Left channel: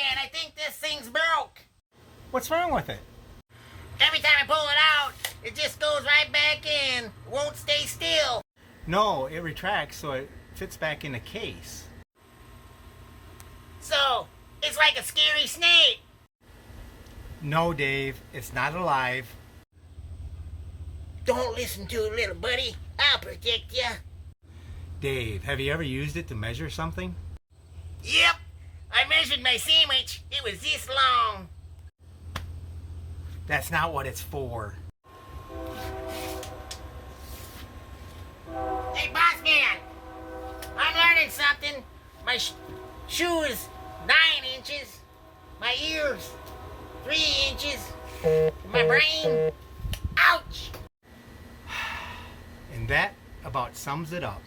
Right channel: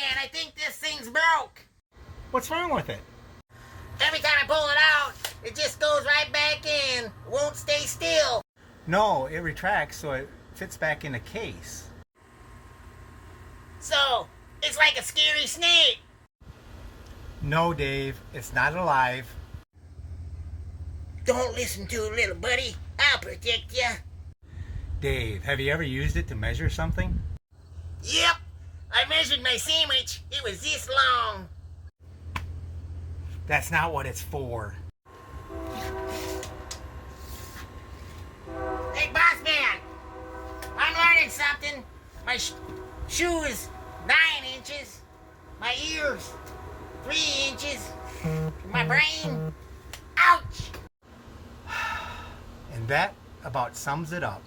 man, I think this thing's broke. What's wrong with it? Every time I pull it out, it just goes right back in. It won't stay still. No, it retracts so it fits back in the case. So, it's like a scary snake. No, Dave, it's not alive. Don't listen to it, little buddy. I'll protect you. Dave, have you ever used it to measure something? Yep. I measured my sandwich. It was this long. That's not what it's for. Hey, boss man. I'm learning something. My shoe is 9 inches. My ears, 3 inches. My brain, ouch. And that about sums it up.